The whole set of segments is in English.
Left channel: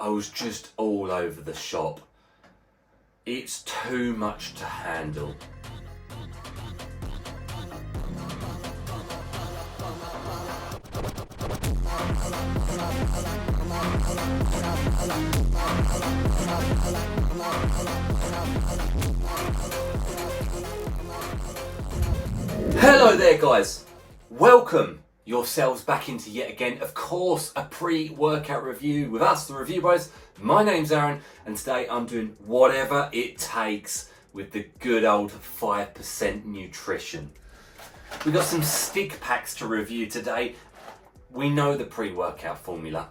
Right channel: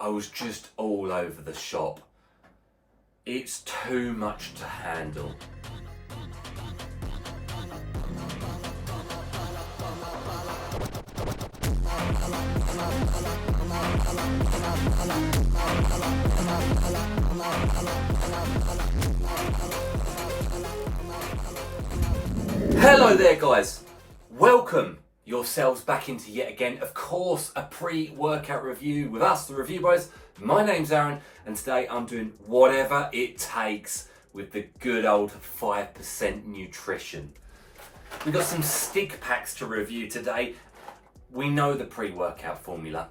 I was just all over the shop. It's too much to handle. Hello there guys, welcome yourselves back into yet again, of course, a pre-workout review with us, the Review Bros. My name's Aaron and today I'm doing whatever it takes with the good old 5% nutrition. We've got some stick packs to review today. We know the pre-workout formula.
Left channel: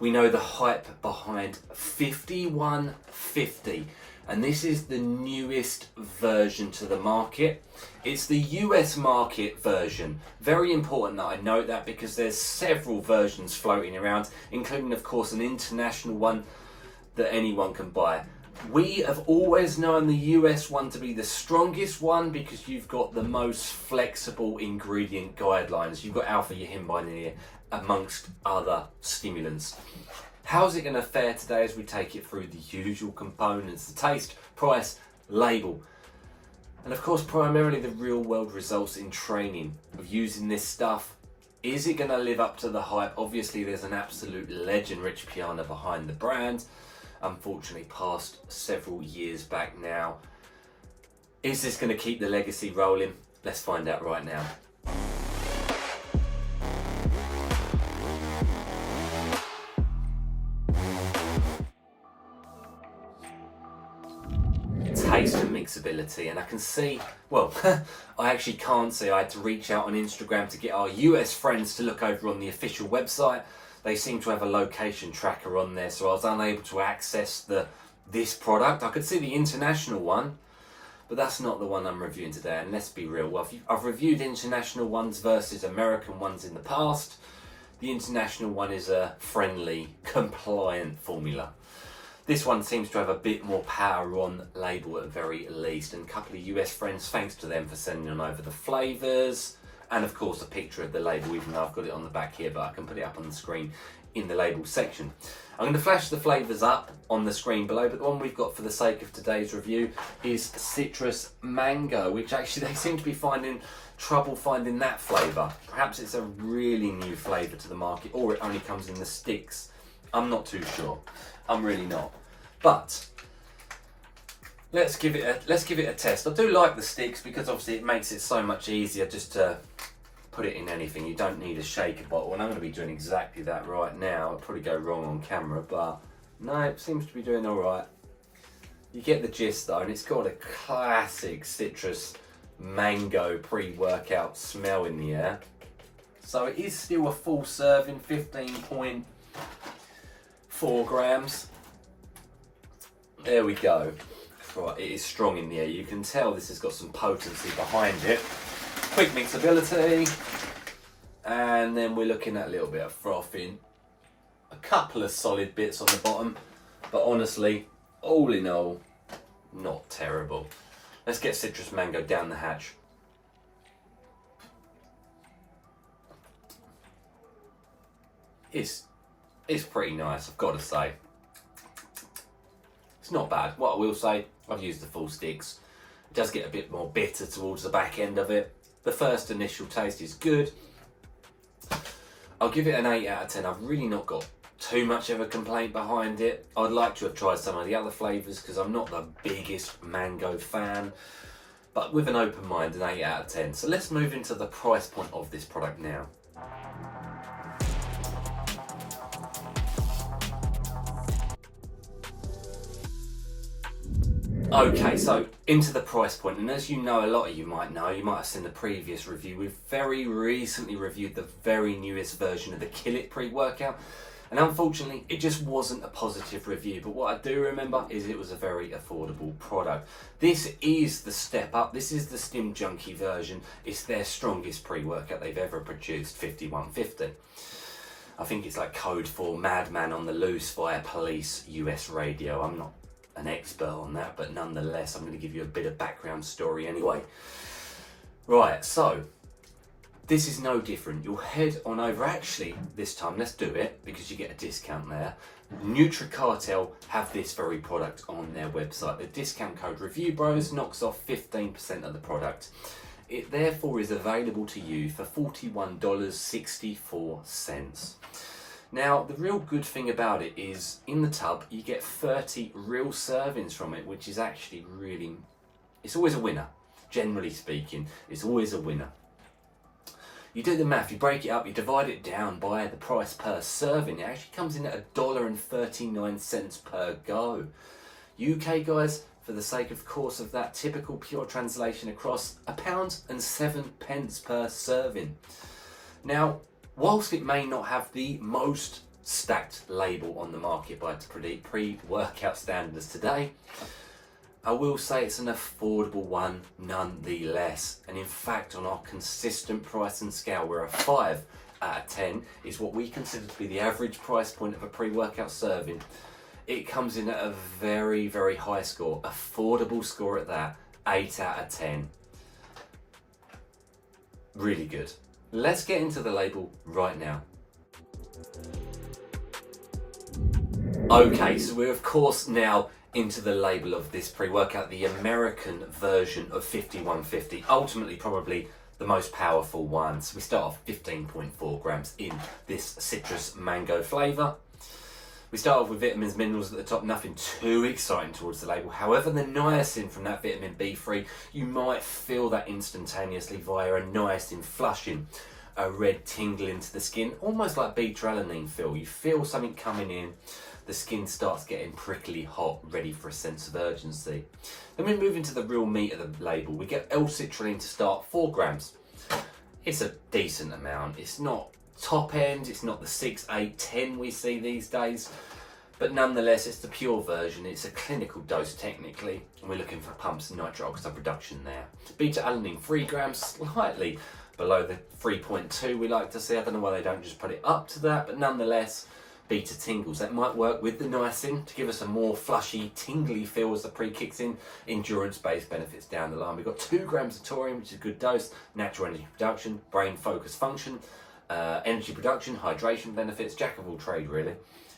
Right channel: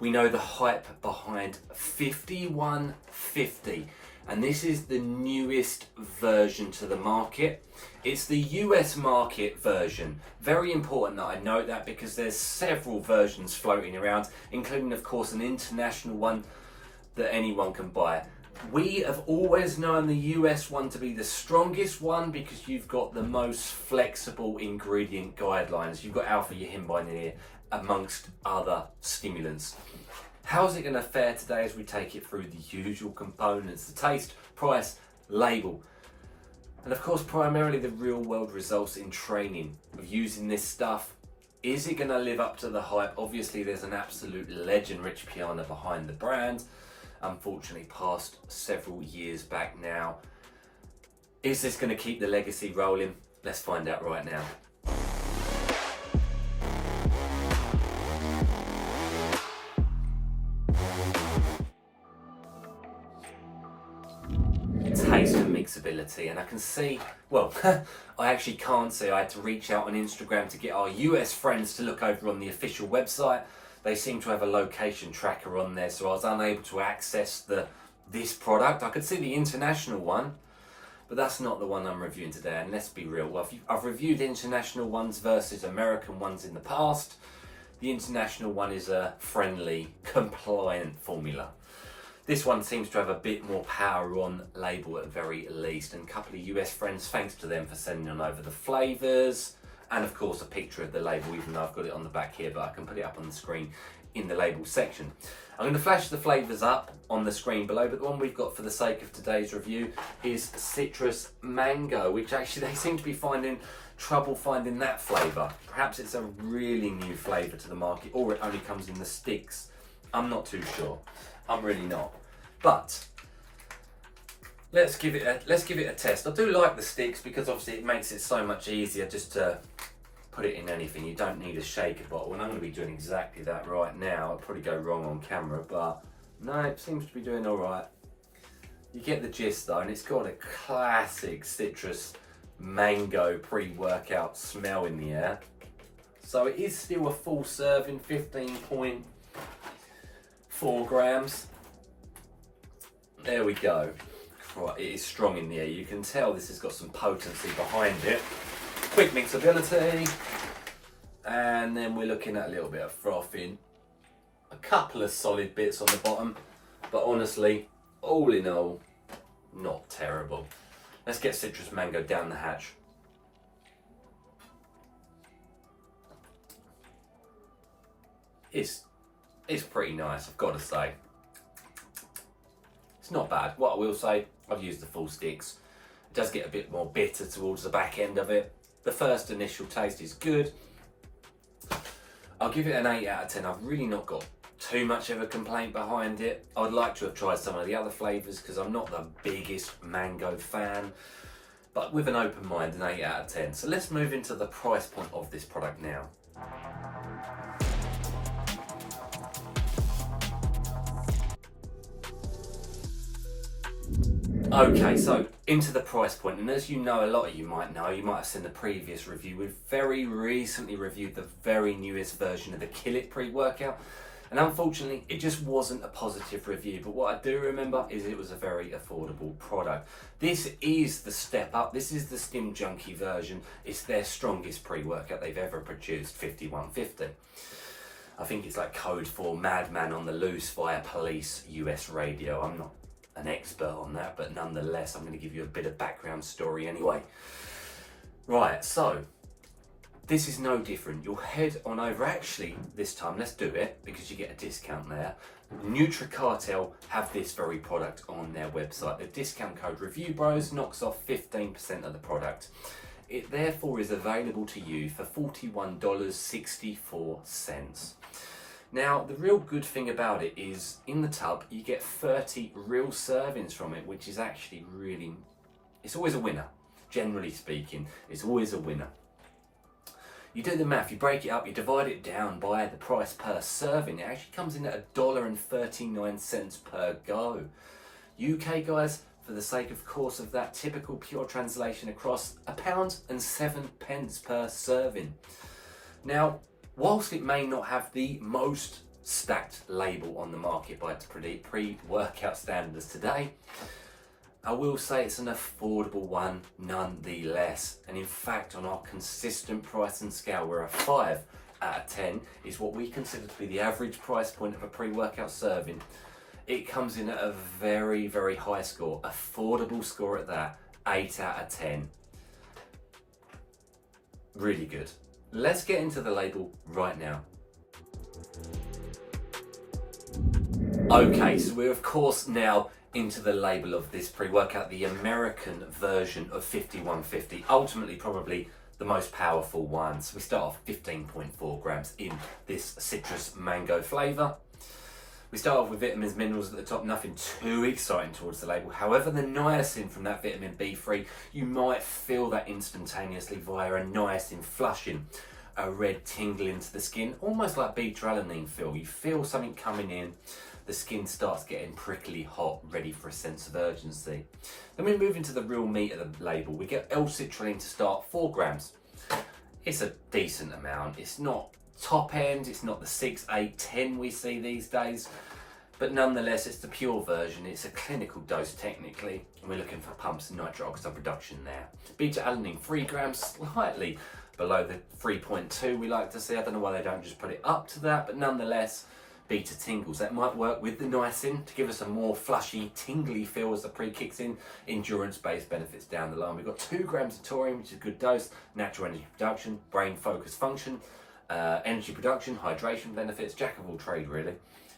We know the hype behind 5150, and this is the newest version to the market. It's the US market version. Very important that I note that because there's several versions floating around, including of course an international one that anyone can buy. We have always known the US one to be the strongest one because you've got the most flexible ingredient guidelines. You've got alpha-yohimbine in here amongst other stimulants. How's it going to fare today as we take it through the usual components, the taste, price, label, and of course primarily the real world results in training of using this stuff. Is it going to live up to the hype? Obviously there's an absolute legend, Rich Piana, behind the brand. Unfortunately passed several years back now. Is this going to keep the legacy rolling? Let's find out right now. Taste and mixability, and I can see, well, I actually can't see. I had to reach out on Instagram to get our US friends to look over on the official website. They seem to have a location tracker on there, so I was unable to access this product. I could see the international one, but that's not the one I'm reviewing today. And let's be real, well, I've reviewed international ones versus American ones in the past. The international one is a friendly, compliant formula. This one seems to have a bit more power on label at the very least, and a couple of US friends, thanks to them for sending on over the flavours, and of course a picture of the label, even though I've got it on the back here, but I can put it up on the screen in the label section. I'm going to flash the flavours up on the screen below, but the one we've got for the sake of today's review is citrus mango, which actually they seem to be finding trouble finding that flavour. Perhaps it's a really new flavour to the market, or it only comes in the sticks. I'm not too sure. I'm really not. But let's give it a test. I do like the sticks because obviously it makes it so much easier just to put it in anything. You don't need a shaker bottle, and I'm going to be doing exactly that right now. I'll probably go wrong on camera, but no, it seems to be doing all right. You get the gist though, and it's got a classic citrus mango pre-workout smell in the air. So it is still a full serving, 15.4 grams. There we go. Right, it is strong in the air. You can tell this has got some potency behind it. Quick mixability. And then we're looking at a little bit of frothing. A couple of solid bits on the bottom. But honestly, all in all, not terrible. Let's get citrus mango down the hatch. It's pretty nice, I've got to say. It's not bad. What I will say, I've used the full sticks. It does get a bit more bitter towards the back end of it. The first initial taste is good. I'll give it an 8 out of 10. I've really not got too much of a complaint behind it. I'd like to have tried some of the other flavours because I'm not the biggest mango fan. But with an open mind, an 8 out of 10. So let's move into the price point of this product now. Okay, so into the price point, and as you know, a lot of you might know, you might have seen the previous review, we've very recently reviewed the very newest version of the Kill It pre-workout, and unfortunately it just wasn't a positive review, but what I do remember is it was a very affordable product. This is the step up, this is the Stim Junkie version, it's their strongest pre-workout they've ever produced, 5150. I think it's like code for Madman on the Loose via Police US Radio. I'm not an expert on that, but nonetheless, I'm going to give you a bit of background story anyway. Right, so This is no different. You'll head on over, actually this time let's do it because you get a discount there. NutriCartel have this very product on their website. The discount code REVIEWBROS knocks off 15% of the product. It therefore is available to you for $41.64. Now, the real good thing about it is in the tub, you get 30 real servings from it, which is actually really, it's always a winner. Generally speaking, it's always a winner. You do the math, you break it up, you divide it down by the price per serving. It actually comes in at $1.39 per go. UK guys, for the sake of course of that typical pure translation across, £1.07 per serving. Now, whilst it may not have the most stacked label on the market by pre-workout standards today, I will say it's an affordable one nonetheless. And in fact, on our consistent pricing scale, where a 5 out of 10 is what we consider to be the average price point of a pre-workout serving, it comes in at a very, very high score, affordable score at that, 8 out of 10. Really good. Let's get into the label right now. Okay, so we're of course now into the label of this pre-workout, the American version of 5150, ultimately probably the most powerful one. So we start off 15.4 grams in this citrus mango flavour. We start off with vitamins, minerals at the top, nothing too exciting towards the label. However, the niacin from that vitamin B3, you might feel that instantaneously via a niacin flushing, a red tingle into the skin, almost like beta-alanine feel. You feel something coming in, the skin starts getting prickly hot, ready for a sense of urgency. Then we move into the real meat of the label. We get L-citrulline to start, 4 grams. It's a decent amount. It's not top end, it's not the 6, 8, 10 we see these days, but nonetheless it's the pure version. It's a clinical dose technically, and we're looking for pumps and nitric oxide production there. Beta-alanine, 3 grams, slightly below the 3.2 we like to see. I don't know why they don't just put it up to that, but nonetheless, beta tingles. That might work with the niacin to give us a more flushy, tingly feel as the pre kicks in. Endurance-based benefits down the line. We've got 2 grams of taurine, which is a good dose. Natural energy production, brain focus function, energy production, hydration benefits, jack of all trade really.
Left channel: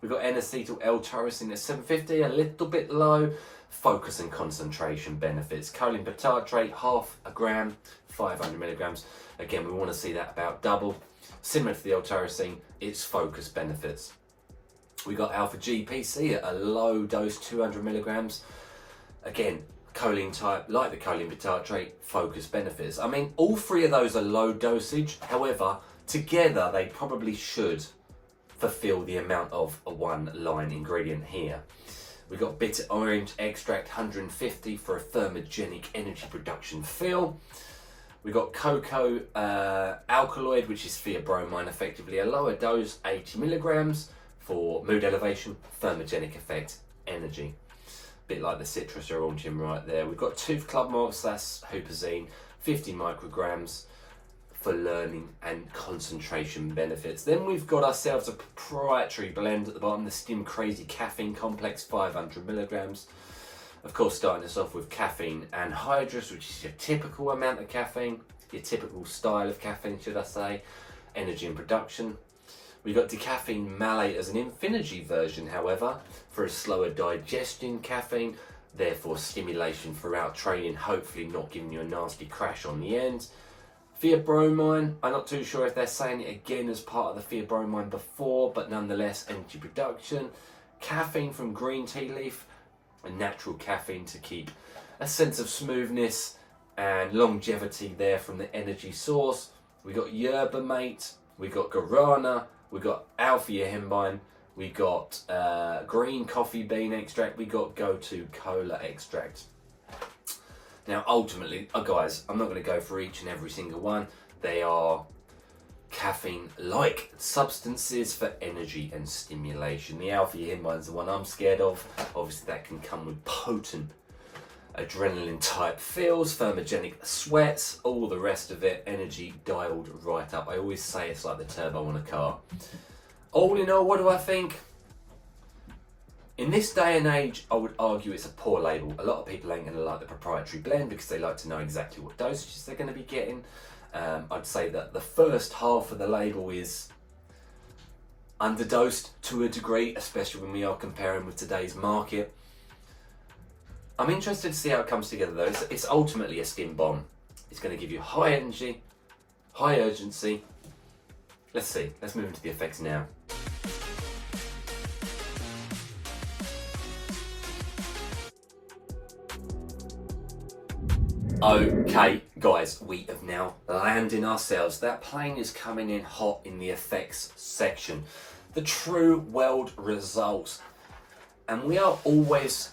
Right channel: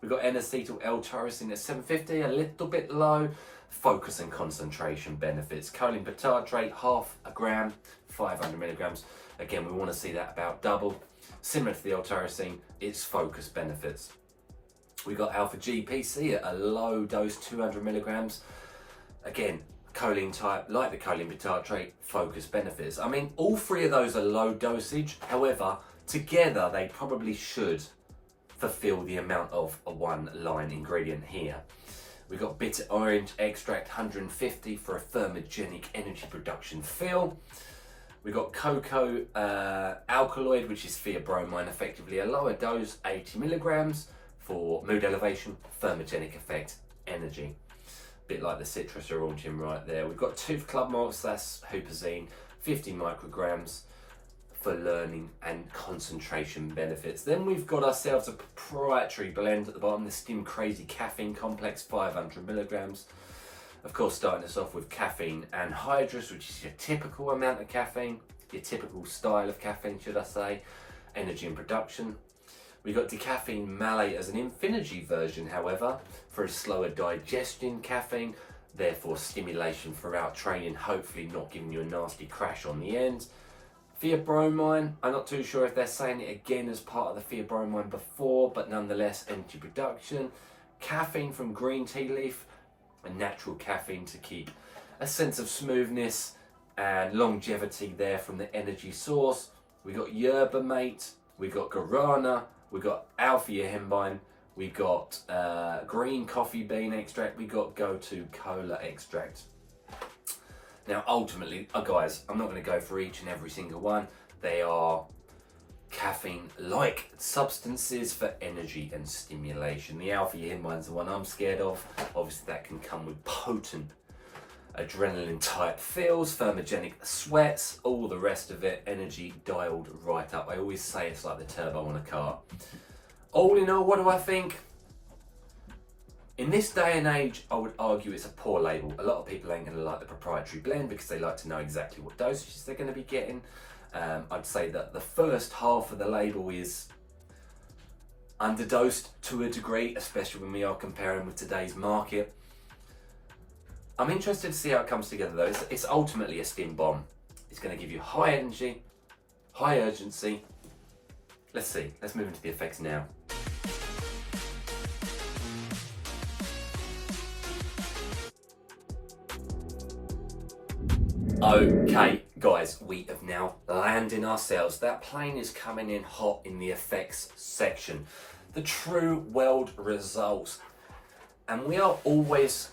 We've got N-acetyl L-tyrosine at 750, a little bit low. Focus and concentration benefits. Choline bitartrate, half a gram, 500 milligrams. Again, we want to see that about double. Similar to the L-tyrosine, its focus benefits. We got alpha GPC at a low dose, 200 milligrams. Again, choline type, like the choline bitartrate, focus benefits. I mean, all 3 of those are low dosage. However, together they probably should fulfill the amount of a 1-line ingredient here. We've got bitter orange extract, 150 for a thermogenic energy production feel. We've got cocoa alkaloid, which is theobromine, effectively a lower dose, 80 milligrams for mood elevation, thermogenic effect, energy. Bit like the citrus or orange right there. We've got tooth club malts, that's huperzine, 50 micrograms for learning and concentration benefits. Then we've got ourselves a proprietary blend at the bottom, the Stim Crazy Caffeine Complex, 500 milligrams. Of course, starting us off with caffeine anhydrous, which is your typical amount of caffeine, your typical style of caffeine, should I say, energy and production. We've got decaffeine malate as an infinity version, however, for a slower digestion caffeine, therefore stimulation throughout training, hopefully not giving you a nasty crash on the end. Theobromine, I'm not too sure if they're saying it again as part of the theobromine before, but nonetheless, energy production. Caffeine from green tea leaf, a natural caffeine to keep a sense of smoothness and longevity there from the energy source. We got yerba mate, we got guarana, we got alpha yohimbine, we got green coffee bean extract, we got go-to cola extract. Now ultimately, guys, I'm not going to go for each and every single one. They are caffeine-like substances for energy and stimulation. The alpha yohimbine is the one I'm scared of. Obviously that can come with potent adrenaline type feels, thermogenic sweats, all the rest of it, energy dialed right up. I always say it's like the turbo on a car. All in all, what do I think? In this day and age, I would argue it's a poor label. A lot of people ain't going to like the proprietary blend because they like to know exactly what dosages they're going to be getting. I'd say that the first half of the label is underdosed to a degree, especially when we are comparing with today's market. I'm interested to see how it comes together though. It's ultimately a stim bomb. It's going to give you high energy, high urgency. Let's see, let's move into the effects now. Okay guys, we have now landed ourselves. That plane is coming in hot in the effects section. The true world results. And we are always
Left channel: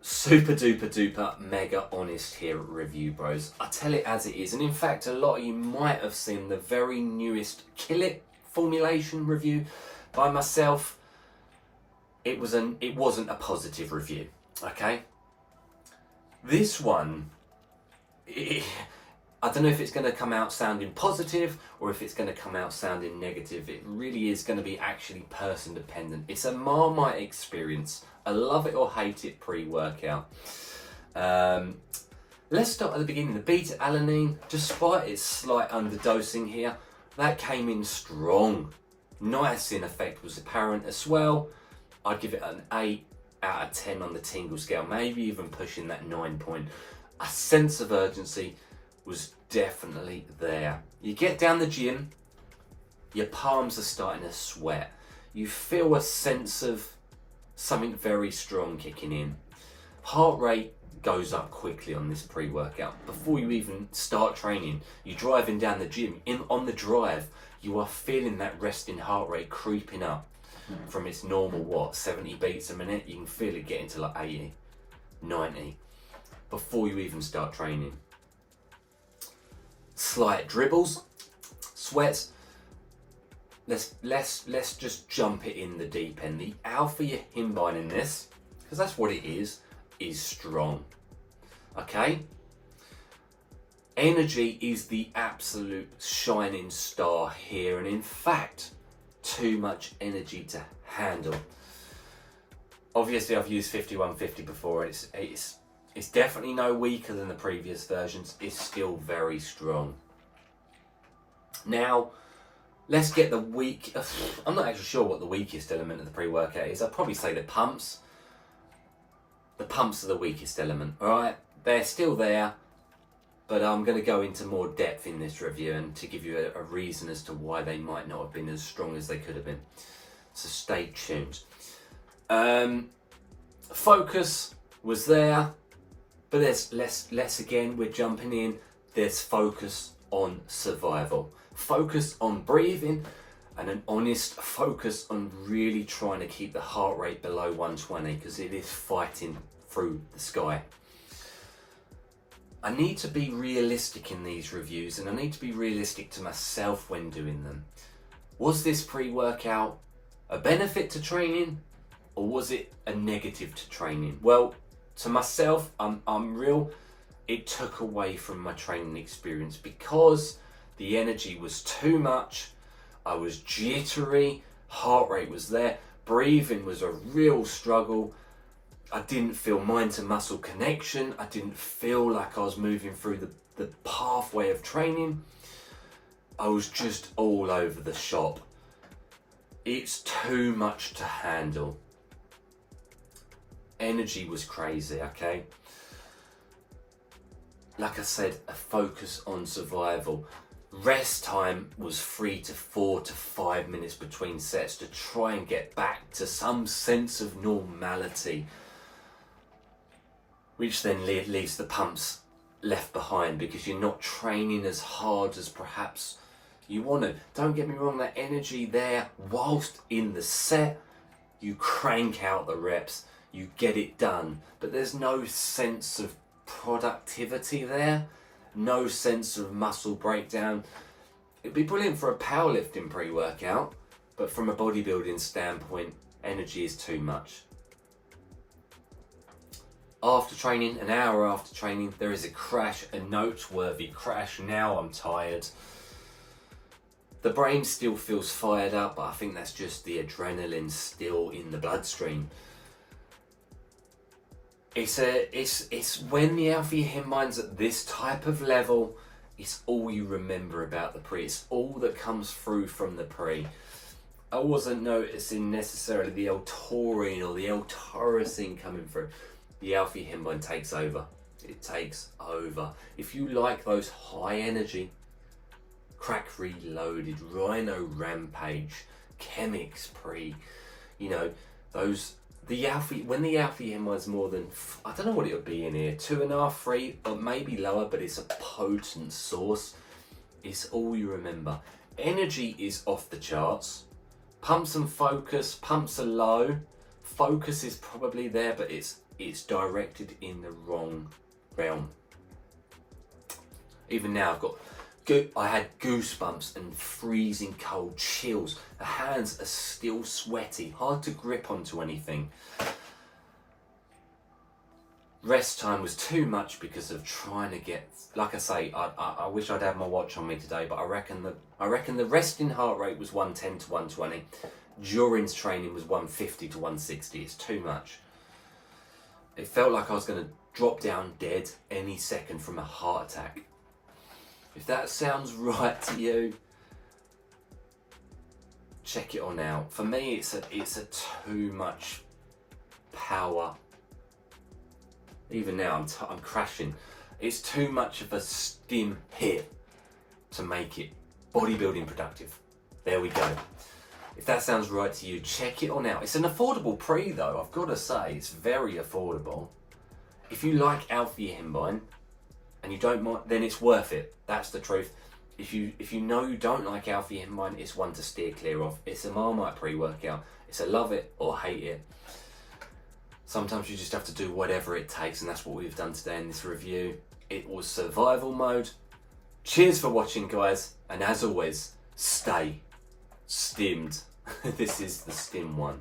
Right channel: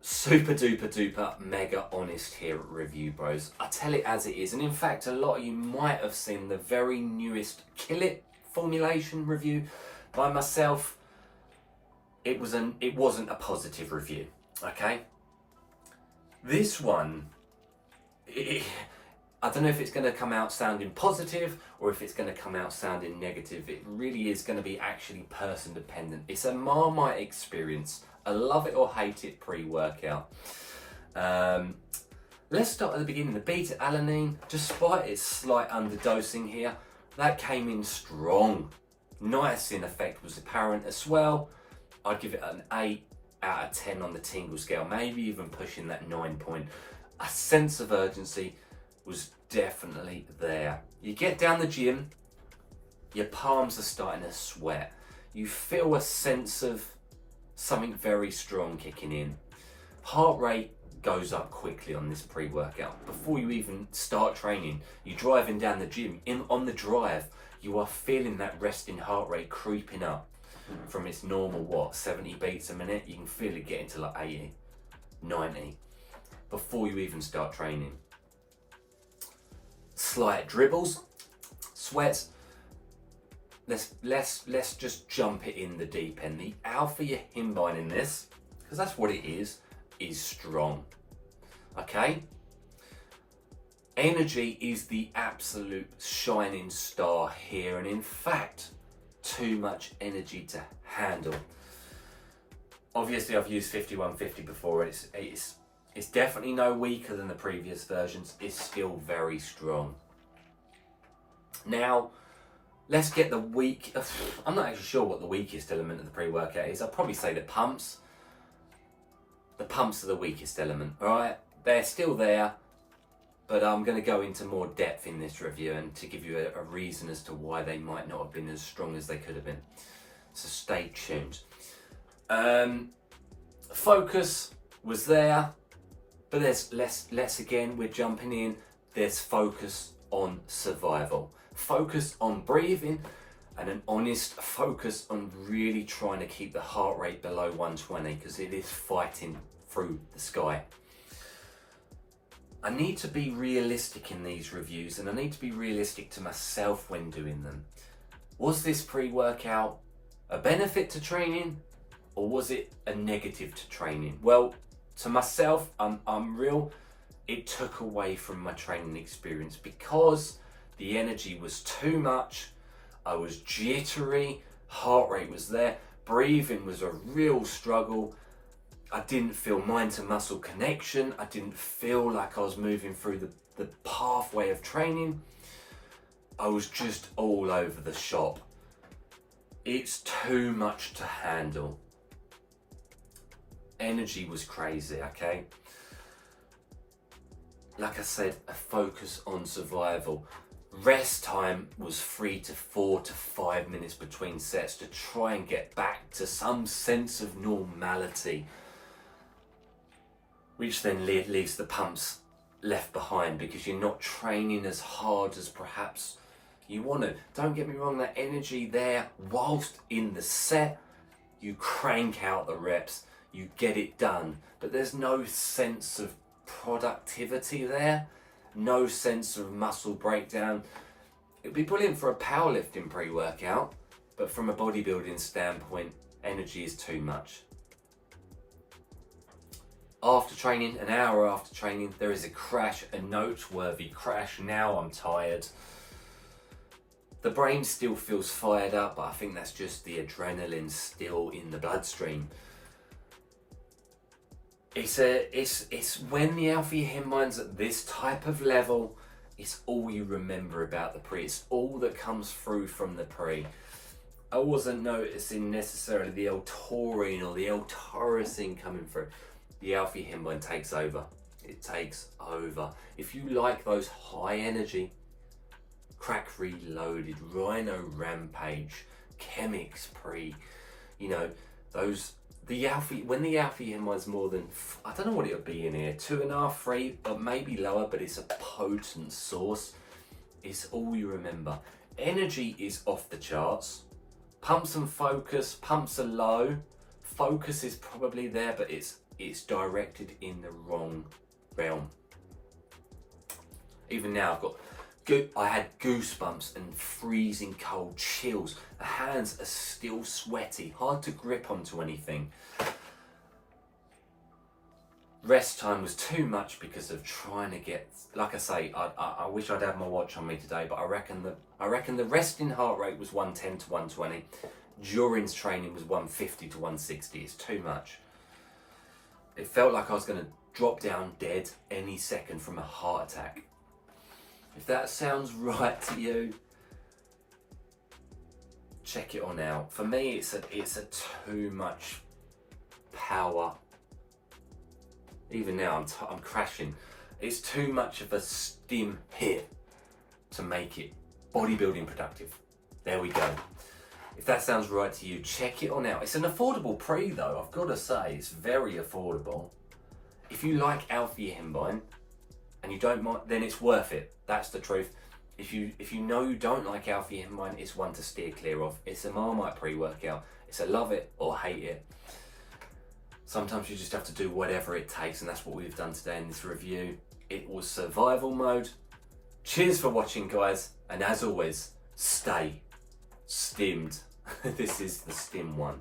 super duper duper mega honest here at Review Bros. I tell it as it is. And in fact, a lot of you might have seen the very newest Kill It formulation review by myself. It wasn't a positive review, okay? This one, I don't know if it's going to come out sounding positive or if it's going to come out sounding negative. It really is going to be actually person dependent. It's a Marmite experience. I love it or hate it pre-workout. Let's start at the beginning. The beta-alanine, despite its slight underdosing here, that came in strong. Niacin effect was apparent as well. I'd give it an 8 out of 10 on the tingle scale, maybe even pushing that 9 point. A sense of urgency was definitely there. You get down the gym, your palms are starting to sweat. You feel a sense of something very strong kicking in. Heart rate goes up quickly on this pre-workout. Before you even start training, you're driving down the gym. On the drive, you are feeling that resting heart rate creeping up from its normal, 70 beats a minute. You can feel it getting to like 80, 90 before you even start training. Slight dribbles, sweats. Let's just jump it in the deep end. The alpha yohimbine in this, because that's what it is strong. Okay? Energy is the absolute shining star here, and in fact, too much energy to handle. Obviously, I've used 5150 before. It's definitely no weaker than the previous versions. It's still very strong. Now, let's get the weak. I'm not actually sure what the weakest element of the pre-workout is. I'd probably say the pumps. The pumps are the weakest element, all right? They're still there, but I'm going to go into more depth in this review and to give you a reason as to why they might not have been as strong as they could have been. So stay tuned. Focus was there, but there's less again. We're jumping in. There's focus on survival. Focus on breathing and an honest focus on really trying to keep the heart rate below 120 because it is fighting through the sky. I need to be realistic in these reviews and I need to be realistic to myself when doing them. Was this pre-workout a benefit to training or was it a negative to training? Well, to myself, I'm real. It took away from my training experience because the energy was too much. I was jittery, heart rate was there, breathing was a real struggle. I didn't feel mind to muscle connection. I didn't feel like I was moving through the pathway of training. I was just all over the shop. It's too much to handle. Energy was crazy, okay? Like I said, a focus on survival. Rest time was 3 to 4 to 5 minutes between sets to try and get back to some sense of normality, which then leaves the pumps left behind because you're not training as hard as perhaps you want to. Don't get me wrong, that energy there whilst in the set, you crank out the reps, you get it done, but there's no sense of productivity there. No sense of muscle breakdown. It'd be brilliant for a powerlifting pre-workout, but from a bodybuilding standpoint, energy is too much. After training, an hour after training, there is a crash, a noteworthy crash. Now I'm tired. The brain still feels fired up, but I think that's just the adrenaline still in the bloodstream. It's when the alpha himbine's at this type of level It's all you remember about the pre. It's all that comes through from the pre. I wasn't noticing necessarily the L-taurine or the L-tyrosine coming through. The alpha-hemine takes over. It takes over. If you like those high energy, Crack Reloaded, Rhino Rampage, Chemix Pre, you know, those, when the alpha-hemine is more than, I don't know what it would be in here, 2.5, 3, or maybe lower, but it's a potent source. It's all you remember. Energy is off the charts. Pumps and focus, pumps are low. Focus is probably there, but it's directed in the wrong realm. Even now I had goosebumps and freezing cold chills. The hands are still sweaty, hard to grip onto anything. Rest time was too much because of trying to get, like I say, I wish I'd had my watch on me today, but I reckon the resting heart rate was 110 to 120. During training was 150 to 160. It's too much. It felt like I was going to drop down dead any second from a heart attack. If that sounds right to you, check it on out. For me, it's a too much power. Even now, I'm crashing. It's too much of a stim hit to make it bodybuilding productive. There we go. If that sounds right to you, check it on out. It's an affordable pre though, I've got to say. It's very affordable. If you like alpha-hemine and you don't mind, then it's worth it. That's the truth. If you know you don't like alpha-hemine, it's one to steer clear of. It's a Marmite pre-workout. It's a love it or hate it. Sometimes you just have to do whatever it takes, and that's what we've done today in this review. It was survival mode. Cheers for watching, guys, and as always, stay stimmed. This is the stim one.